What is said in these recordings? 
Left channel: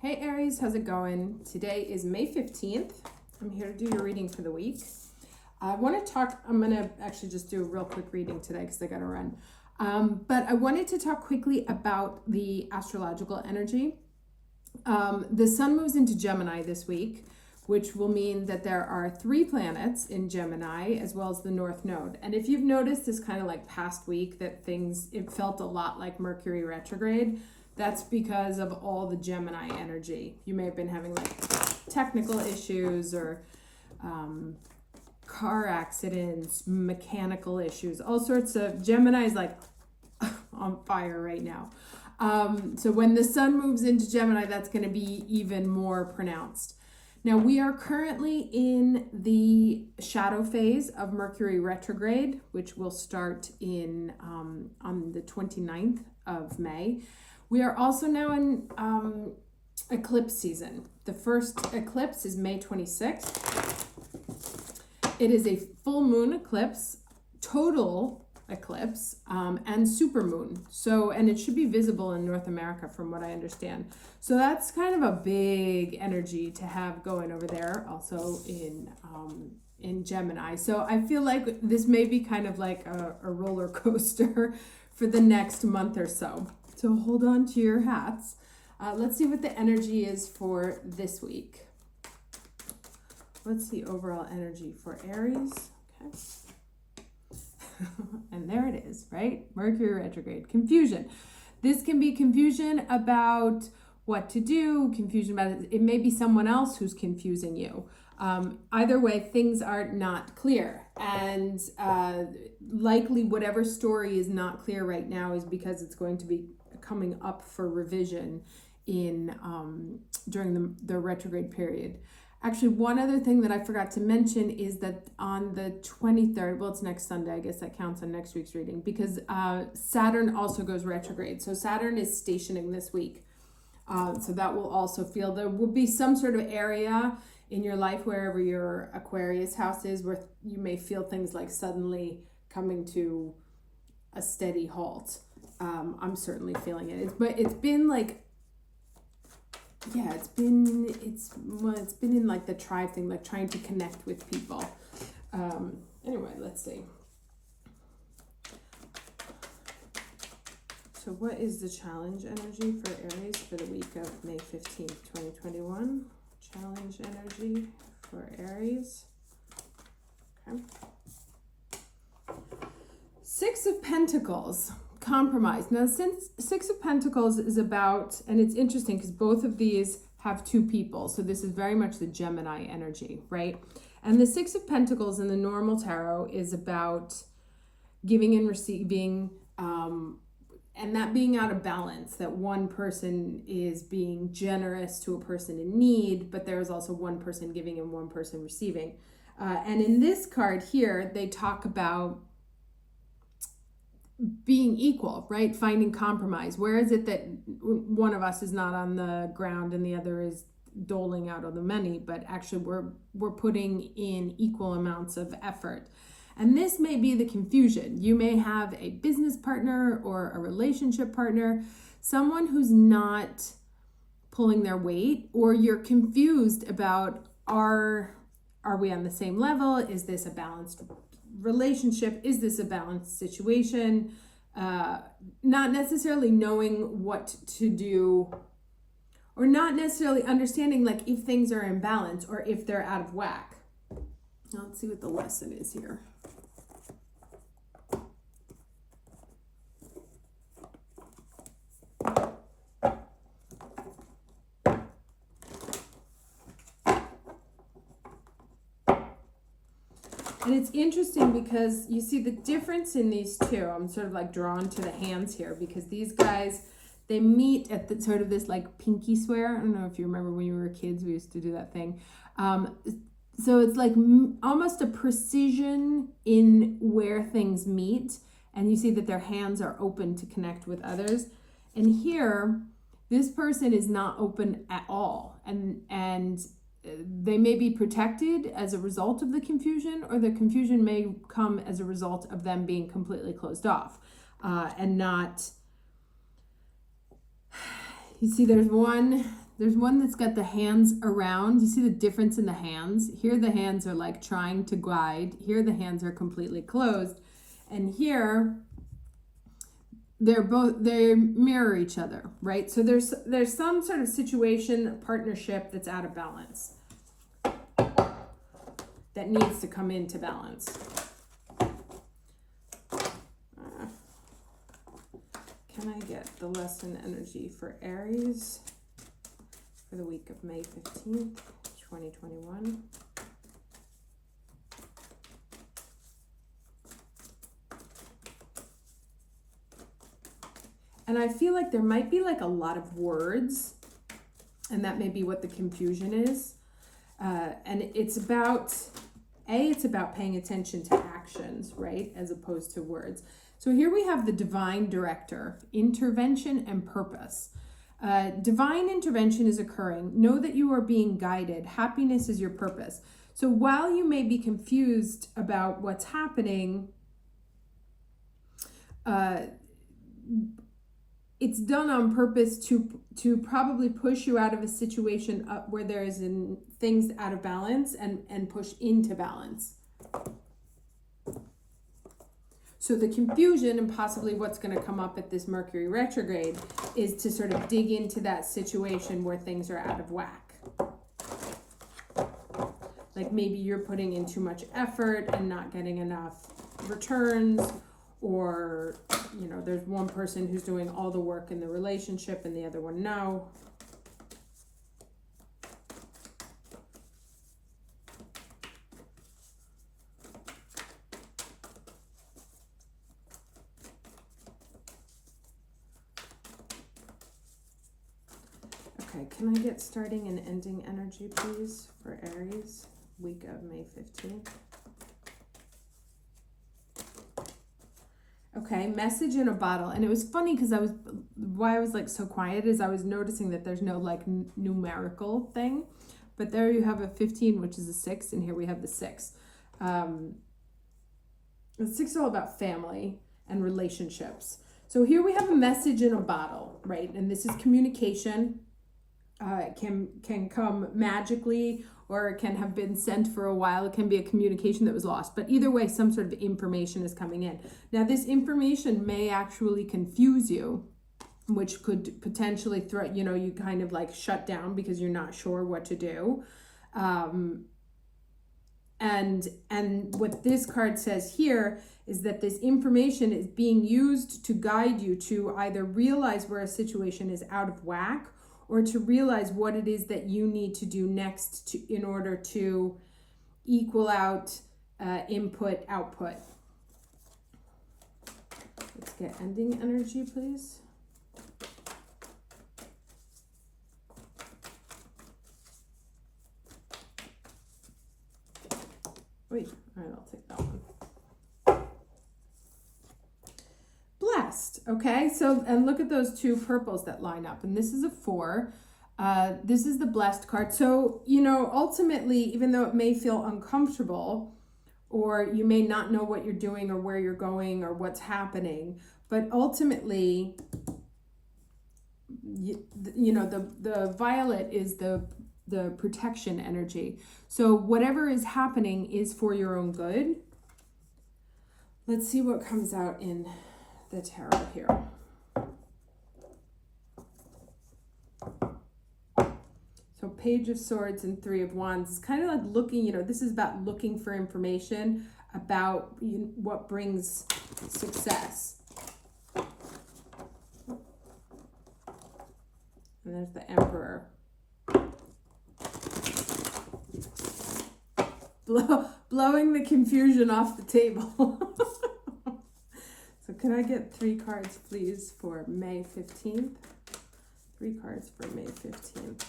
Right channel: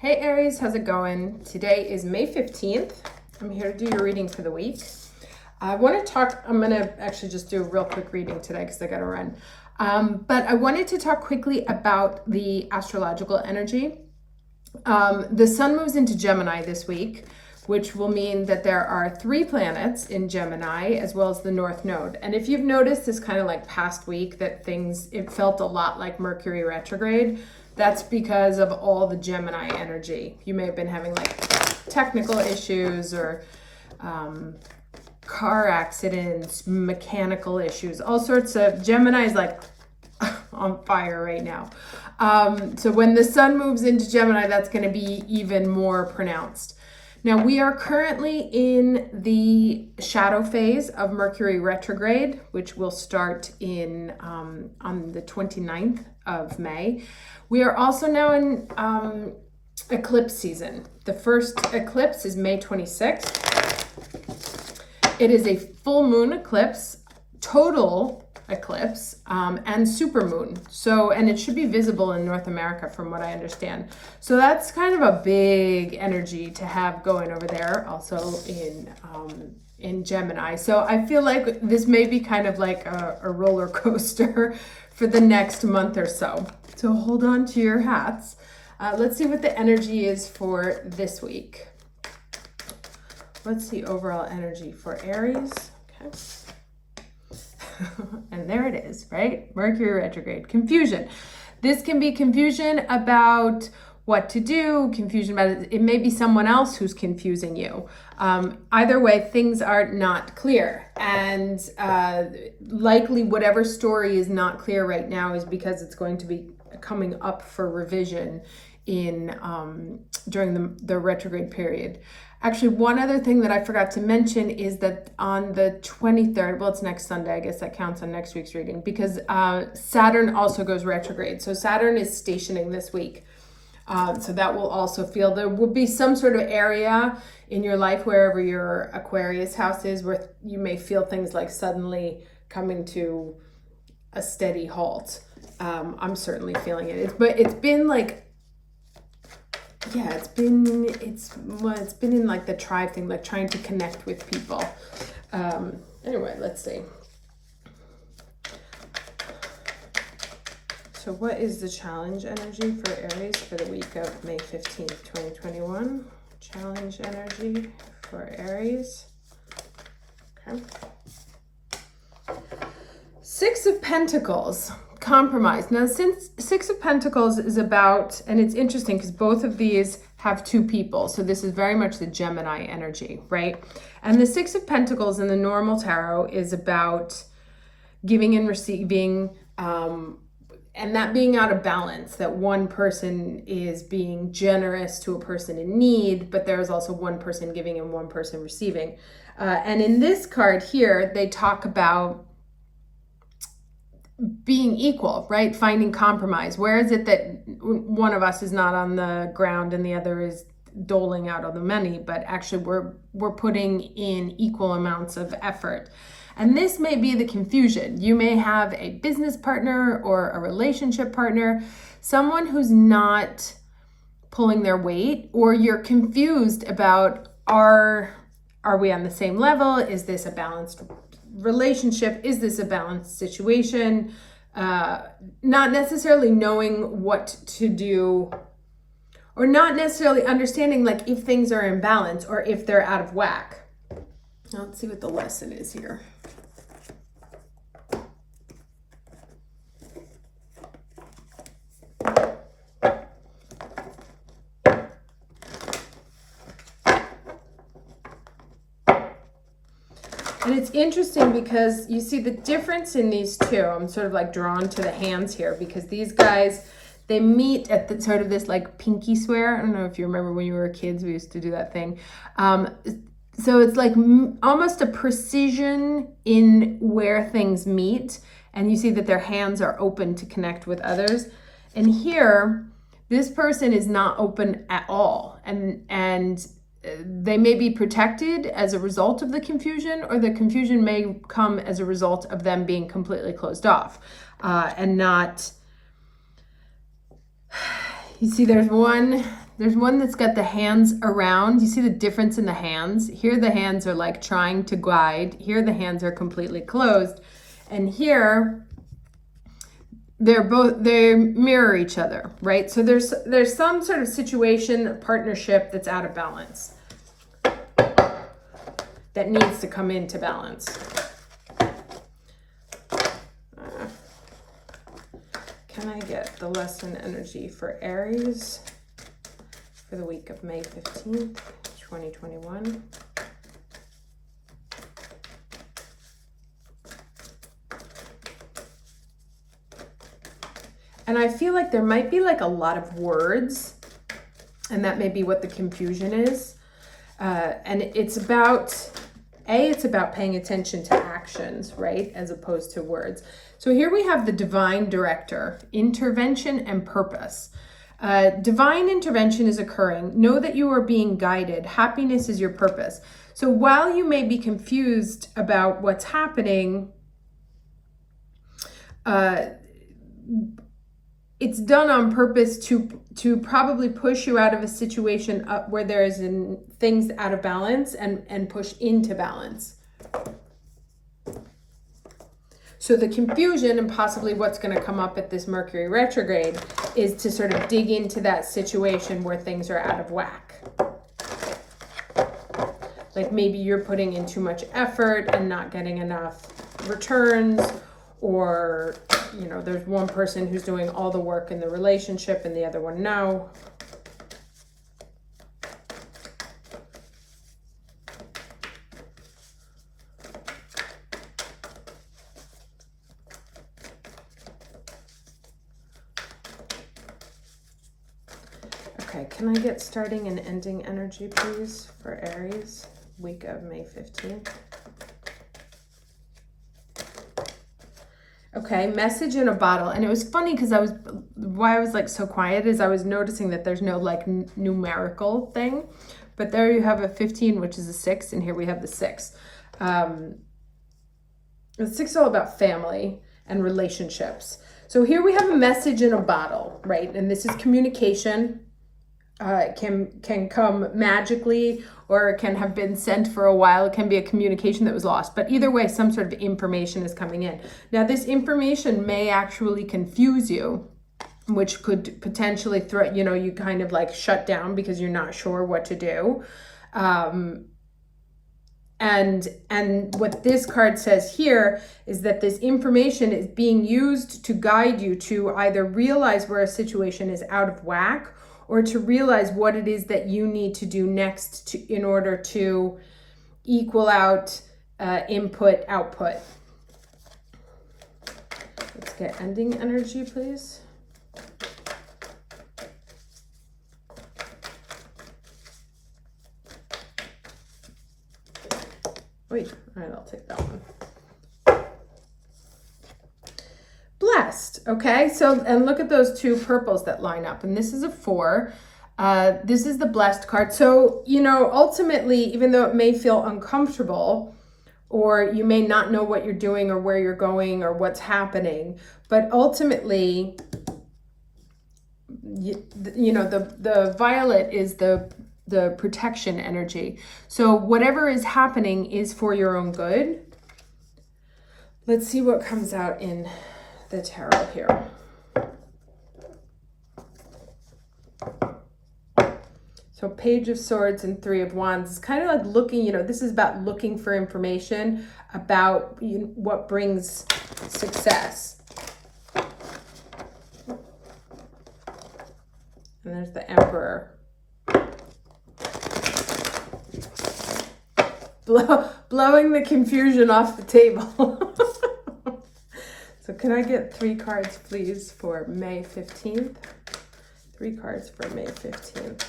Hey Aries, how's it going? Today is May 15th. I'm here to do your reading for the week. I'm going to actually just do a real quick reading today because I got to run. But I wanted to talk quickly about the astrological energy. The sun moves into Gemini this week, which will mean that there are 3 planets in Gemini as well as the North Node. And if you've noticed this kind of like past week that it felt a lot like Mercury retrograde, that's because of all the Gemini energy. You may have been having like technical issues or car accidents, mechanical issues, all sorts of. Gemini is like on fire right now. So when the sun moves into Gemini, that's going to be even more pronounced. Now we are currently in the shadow phase of Mercury retrograde, which will start in on the 29th of May. We are also now in eclipse season. The first eclipse is May 26th. It is a full moon eclipse, total eclipse, and supermoon. And it should be visible in North America from what I understand. So that's kind of a big energy to have going over there, also in Gemini. So I feel like this may be kind of like a roller coaster for the next month or so. So hold on to your hats. Let's see what the energy is for this week. What's the overall energy for Aries? Okay. And there it is, right? Mercury retrograde. Confusion. This can be confusion about what to do, confusion about it. It may be someone else who's confusing you. Either way, things are not clear. And likely whatever story is not clear right now is because it's going to be coming up for revision during the retrograde period. Actually, one other thing that I forgot to mention is that on the 23rd, well, it's next Sunday, I guess that counts on next week's reading, because Saturn also goes retrograde. So Saturn is stationing this week. So that will also there will be some sort of area in your life, wherever your Aquarius house is, where you may feel things like suddenly coming to a steady halt. I'm certainly feeling it. It's been like, yeah, it's been in like the tribe thing, like trying to connect with people. Anyway, let's see. So what is the challenge energy for Aries for the week of May 15th, 2021? Challenge energy for Aries. Okay. 6 of Pentacles. Compromise. Now, since 6 of Pentacles is about, and it's interesting because both of these have 2 people. So this is very much the Gemini energy, right? And the 6 of Pentacles in the normal tarot is about giving and receiving, and that being out of balance, that one person is being generous to a person in need, but there's also one person giving and one person receiving. And in this card here, they talk about being equal, right? Finding compromise. Where is it that one of us is not on the ground and the other is doling out all the money, but actually we're putting in equal amounts of effort. And this may be the confusion. You may have a business partner or a relationship partner, someone who's not pulling their weight, or you're confused about are we on the same level? Is this a balanced relationship? Is this a balanced situation? Not necessarily knowing what to do, or not necessarily understanding like if things are in balance or if they're out of whack. Now, let's see what the lesson is here. And it's interesting because you see the difference in these two. I'm sort of like drawn to the hands here because these guys, they meet at the sort of this like pinky swear. I don't know if you remember when you were kids, we used to do that thing. So it's like almost a precision in where things meet. And you see that their hands are open to connect with others. And here, this person is not open at all. And they may be protected as a result of the confusion, or the confusion may come as a result of them being completely closed off and not. You see, there's one There's one that's got the hands around. You see the difference in the hands? Here the hands are like trying to guide. Here the hands are completely closed. And here they mirror each other, right? So there's some sort of situation, partnership that's out of balance, that needs to come into balance. Can I get the lesson energy for Aries for the week of May 15th, 2021? And I feel like there might be like a lot of words, and that may be what the confusion is. And it's about paying attention to actions, right? As opposed to words. So here we have the divine director, intervention and purpose. Divine intervention is occurring. Know that you are being guided. Happiness is your purpose. So while you may be confused about what's happening, it's done on purpose to probably push you out of a situation where there is things out of balance and push into balance. So the confusion and possibly what's going to come up at this Mercury retrograde is to sort of dig into that situation where things are out of whack. Like maybe you're putting in too much effort and not getting enough returns, or there's one person who's doing all the work in the relationship and the other one no. Okay, can I get starting and ending energy, please, for Aries, week of May 15th? Okay, message in a bottle. And it was funny because why I was like so quiet is I was noticing that there's no like numerical thing, but there you have a 15, which is a 6, and here we have the 6. The 6 is all about family and relationships. So here we have a message in a bottle, right? And this is communication. It can come magically, or it can have been sent for a while. It can be a communication that was lost. But either way, some sort of information is coming in. Now, this information may actually confuse you, which could potentially throw, you kind of like shut down because you're not sure what to do. And what this card says here is that this information is being used to guide you to either realize where a situation is out of whack, or to realize what it is that you need to do next in order to equal out input, output. Let's get ending energy, please. Wait, all right, I'll take that one. Blessed, okay? So, and look at those two purples that line up. And this is a 4. This is the blessed card. So, ultimately, even though it may feel uncomfortable, or you may not know what you're doing or where you're going or what's happening, but ultimately, the violet is the protection energy. So whatever is happening is for your own good. Let's see what comes out in the tarot here. So Page of Swords and 3 of Wands. It's kind of like looking, this is about looking for information about what brings success. And there's the Emperor. Blowing the confusion off the table. So can I get 3 cards, please, for May 15th? 3 cards for May 15th.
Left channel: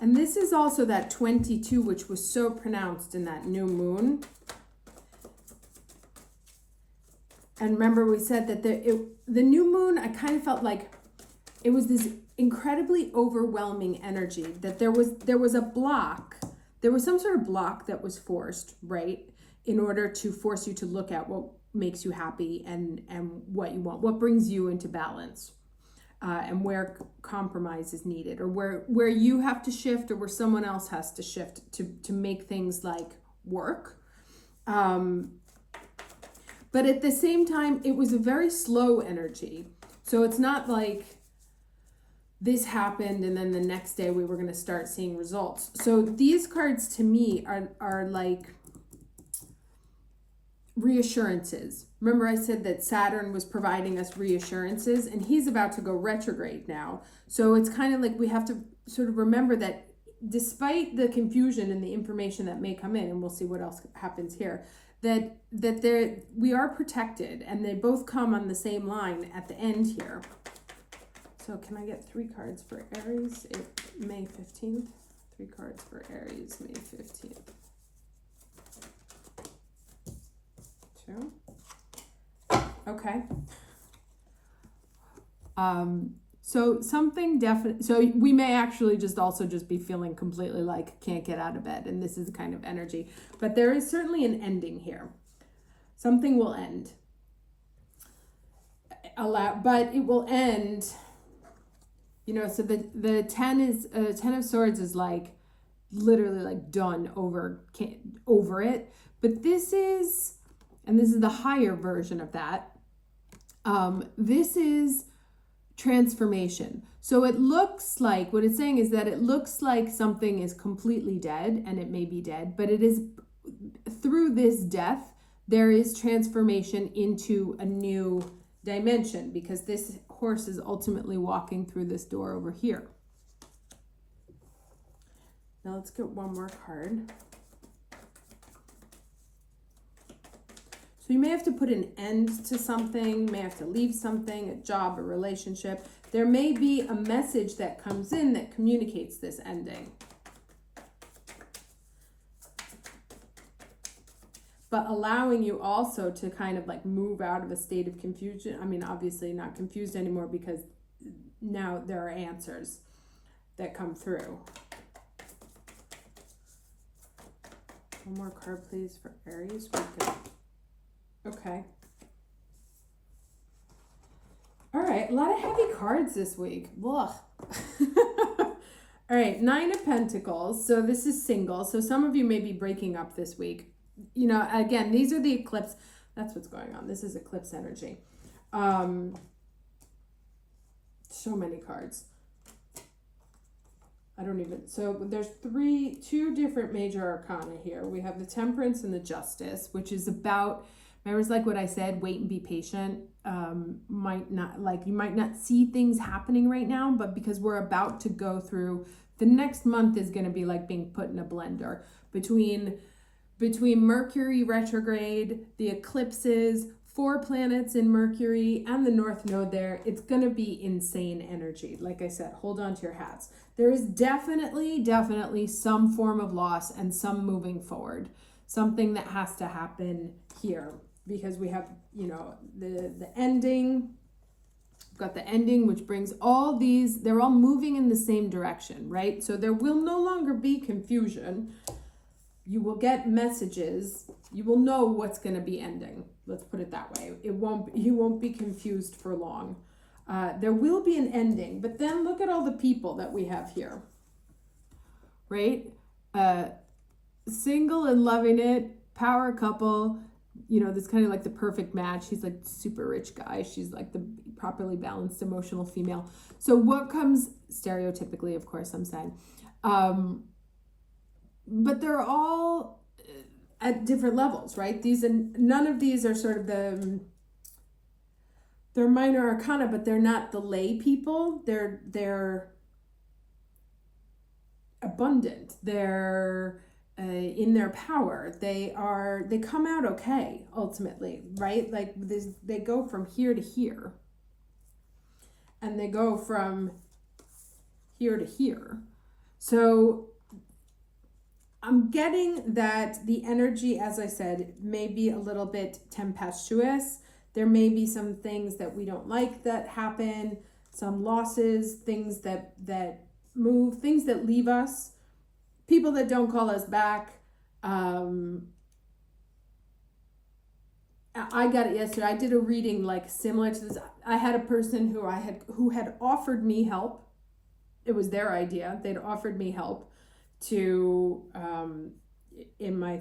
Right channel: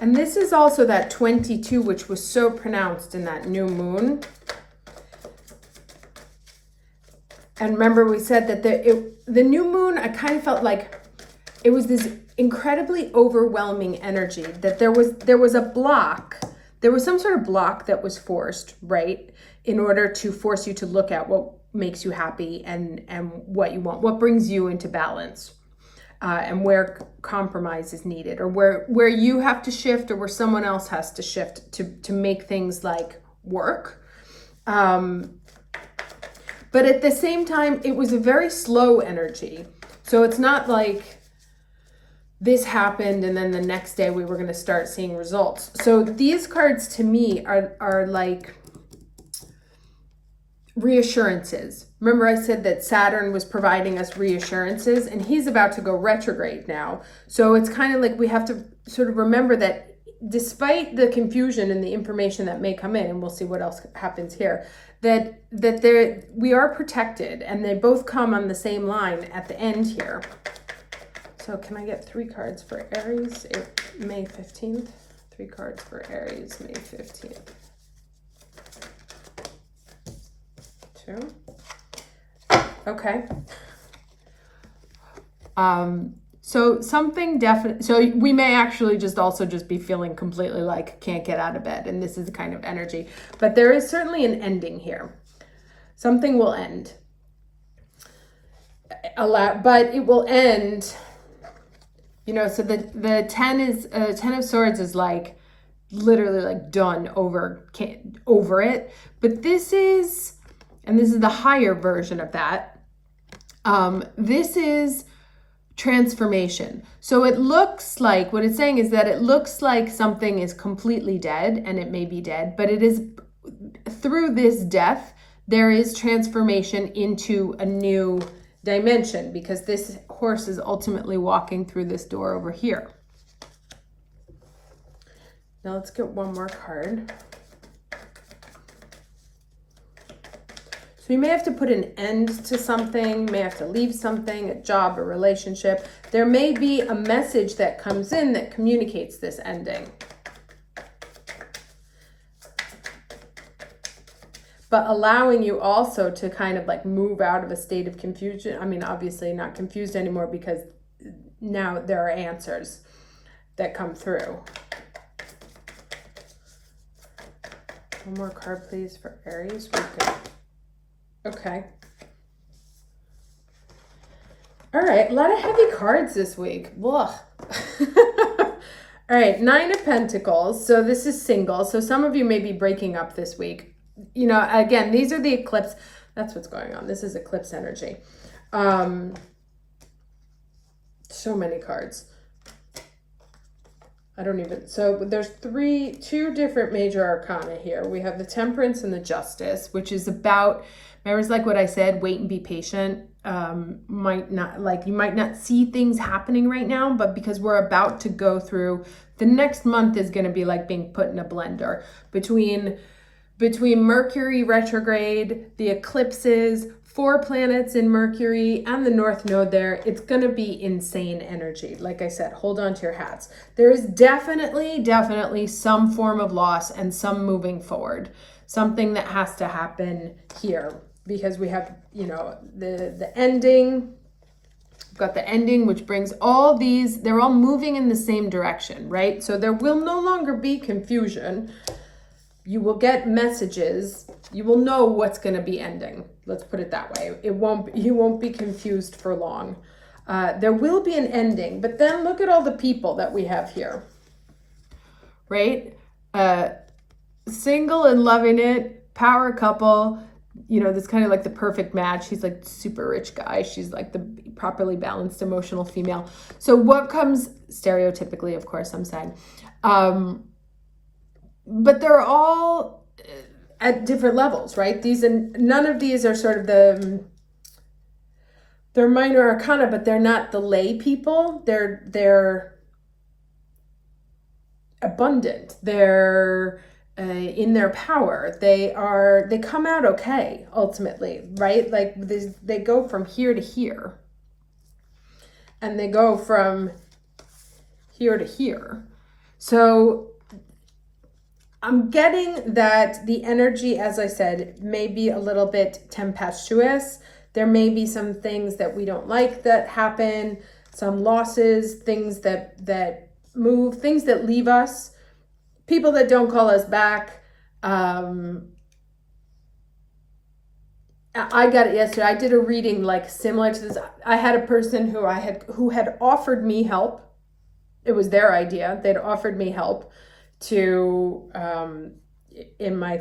And this is also that 22, which was so pronounced in that new moon. And remember, we said that the new moon, I kind of felt like it was this incredibly overwhelming energy, that there was a block. There was some sort of block that was forced, right? In order to force you to look at makes you happy and what you want, what brings you into balance, and where compromise is needed, or where you have to shift, or where someone else has to shift to make things like work. But at the same time, it was a very slow energy. So it's not like this happened and then the next day we were going to start seeing results. So these cards to me are like reassurances. Remember I said that Saturn was providing us reassurances, and he's about to go retrograde now. So it's kind of like we have to sort of remember that despite the confusion and the information that may come in, and we'll see what else happens here, that we are protected, and they both come on the same line at the end here. So can I get 3 cards for Aries, May 15th? 3 cards for Aries, May 15th. 2. Okay. So something definite. So we may actually just be feeling completely like can't get out of bed, and this is the kind of energy. But there is certainly an ending here. Something will end. But it will end. You know, so the 10 of Swords is like literally like done over it. But this is the higher version of that. This is transformation. So it looks like, what it's saying is that it looks like something is completely dead, and it may be dead, but it is, through this death, there is transformation into a new dimension, because this horse is ultimately walking through this door over here. Now let's get one more card. So you may have to put an end to something, may have to leave something, a job, a relationship. There may be a message that comes in that communicates this ending. But allowing you also to kind of like move out of a state of confusion. I mean, obviously not confused anymore, because now there are answers that come through. One more card, please, for Aries. Okay. All right, a lot of heavy cards this week. Ugh. All right, 9 of Pentacles. So this is single. So some of you may be breaking up this week. You know, again, these are the eclipse. That's what's going on. This is eclipse energy. So many cards. So there's 2 different major arcana here. We have the Temperance and the Justice, which is about, remember, it's like what I said, wait and be patient. You might not see things happening right now, but because we're about to go through, the next month is going to be like being put in a blender between Mercury retrograde, the eclipses, 4 planets in Mercury, and the North Node there. It's going to be insane energy. Like I said, hold on to your hats. There is definitely some form of loss and some moving forward. Something that has to happen here, because we have, you know, the ending. We've got the ending, which brings all these, they're all moving in the same direction, right? So there will no longer be confusion. You will get messages. You will know what's going to be ending. Let's put it that way. You won't be confused for long. There will be an ending, but then look at all the people that we have here, right? Single and loving it, power couple, you know, this kind of like the perfect match. He's like super rich guy. She's like the properly balanced emotional female. So what comes stereotypically, of course, I'm saying, but they're all at different levels, right? None of these are sort of they're minor arcana, but they're not the lay people. They're abundant. They're in their power. They come out okay, ultimately, right? Like they go from here to here, and they go from here to here. So I'm getting that the energy, as I said, may be a little bit tempestuous. There may be some things that we don't like that happen, some losses, things that move, things that leave us, people that don't call us back. And I got it yesterday. I did a reading like similar to this. I had a person who had offered me help. It was their idea. They'd offered me help to in my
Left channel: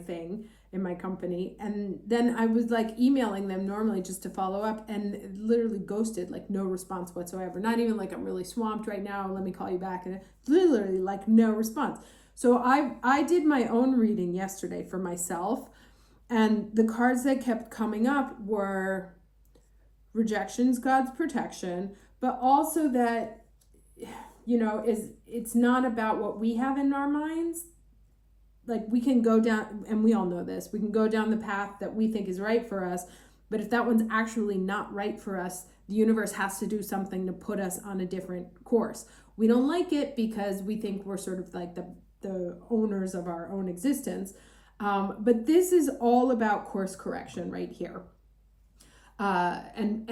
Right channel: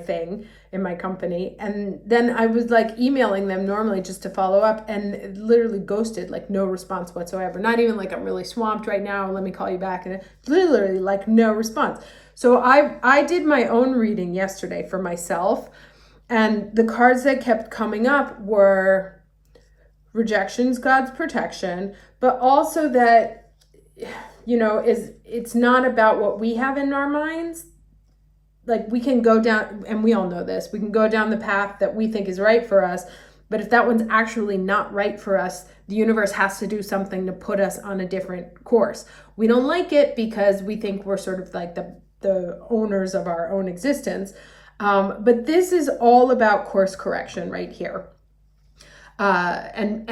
company, and then I was like emailing them normally just to follow up, and it literally ghosted, like no response whatsoever. Not even like, I'm really swamped right now, let me call you back, and literally like no response. So I did my own reading yesterday for myself, and the cards that kept coming up were rejections, God's protection, but also that, it's not about what we have in our minds. Like, we can go down, and we all know this, we can go down the path that we think is right for us, but if that one's actually not right for us, the universe has to do something to put us on a different course. We don't like it because we think we're sort of like the owners of our own existence. But this is all about course correction right here. And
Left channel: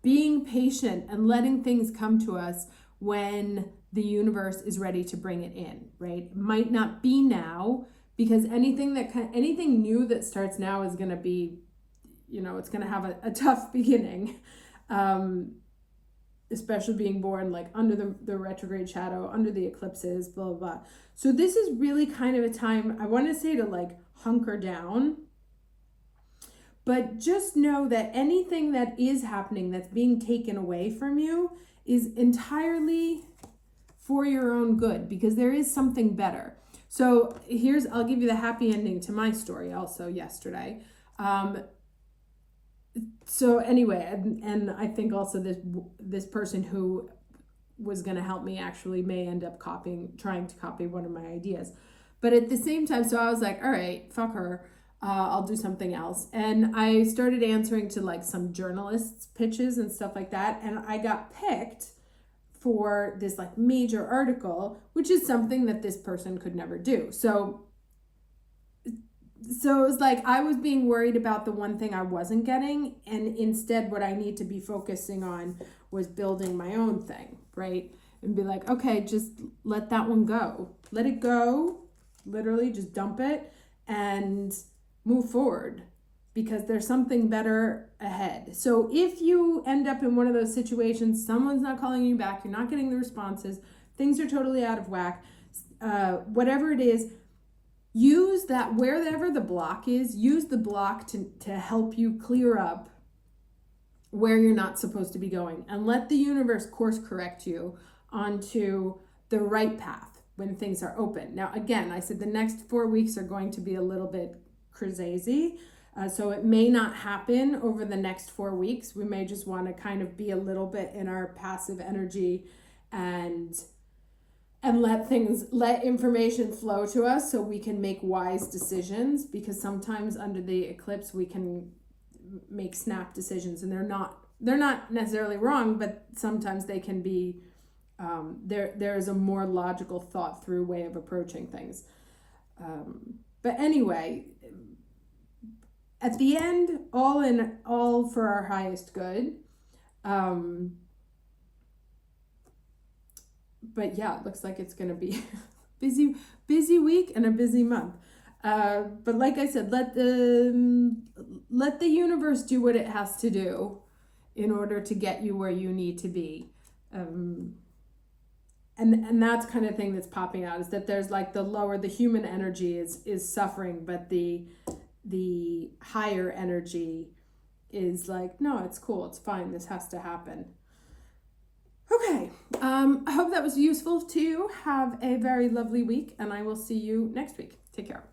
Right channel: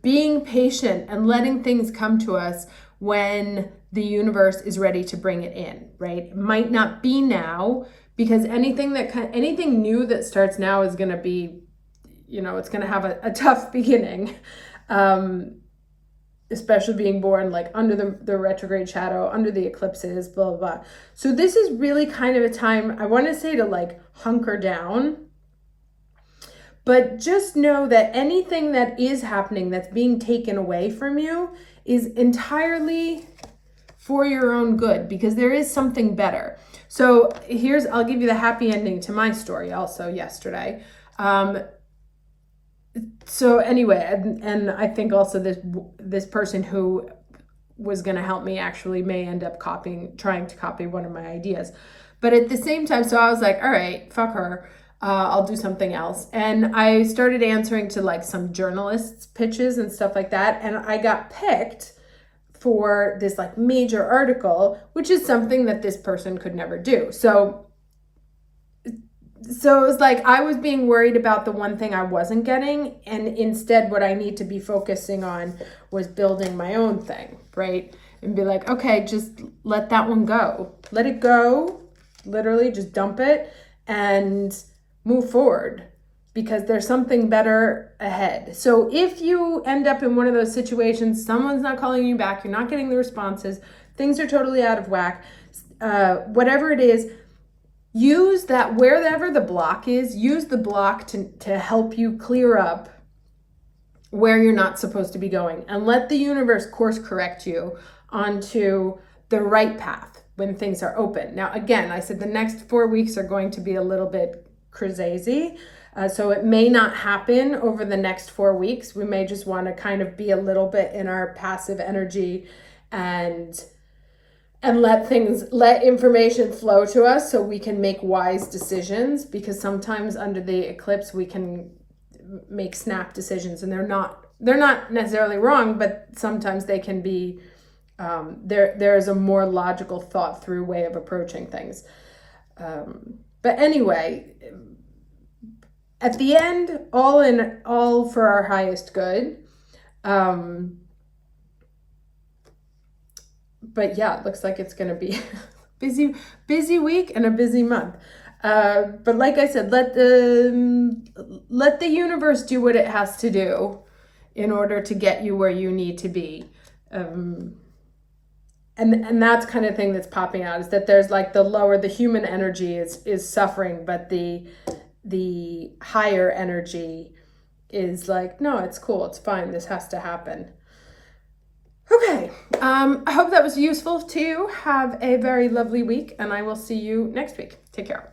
being patient and letting things come to us when the universe is ready to bring it in, right? It might not be now, because anything new that starts now is going to be, it's going to have a tough beginning. Especially being born like under the retrograde shadow, under the eclipses, blah, blah, blah. So this is really kind of a time, I want to say, to like hunker down. But just know that anything that is happening that's being taken away from you is entirely for your own good, because there is something better. So I'll give you the happy ending to my story also yesterday. So anyway, and I think also this person who was going to help me actually may end up trying to copy one of my ideas. But at the same time, so I was like, all right, fuck her. I'll do something else. And I started answering to like some journalists' pitches and stuff like that. And I got picked for this like major article, which is something that this person could never do. So it was like I was being worried about the one thing I wasn't getting, and instead what I need to be focusing on was building my own thing, right? And be like, okay, just let that one go. Let it go. Literally just dump it and move forward, because there's something better ahead. So if you end up in one of those situations, someone's not calling you back, you're not getting the responses, things are totally out of whack, whatever it is, use that, wherever the block is, use the block to help you clear up where you're not supposed to be going, and let the universe course correct you onto the right path when things are open. Now, again, I said the next 4 weeks are going to be a little bit crazy. So it may not happen over the next 4 weeks. We may just want to kind of be a little bit in our passive energy and let information flow to us so we can make wise decisions, because sometimes under the eclipse we can make snap decisions, and they're not necessarily wrong, but sometimes they can be there's a more logical, thought through way of approaching things. But anyway, at the end, all for our highest good. But yeah, it looks like it's going to be busy week and a busy month. But like I said, let the universe do what it has to do in order to get you where you need to be. And that's kind of thing that's popping out, is that there's like the human energy is suffering, but the higher energy is like, no, it's cool, it's fine, this has to happen. Okay, I hope that was useful to you. Have a very lovely week, and I will see you next week. Take care.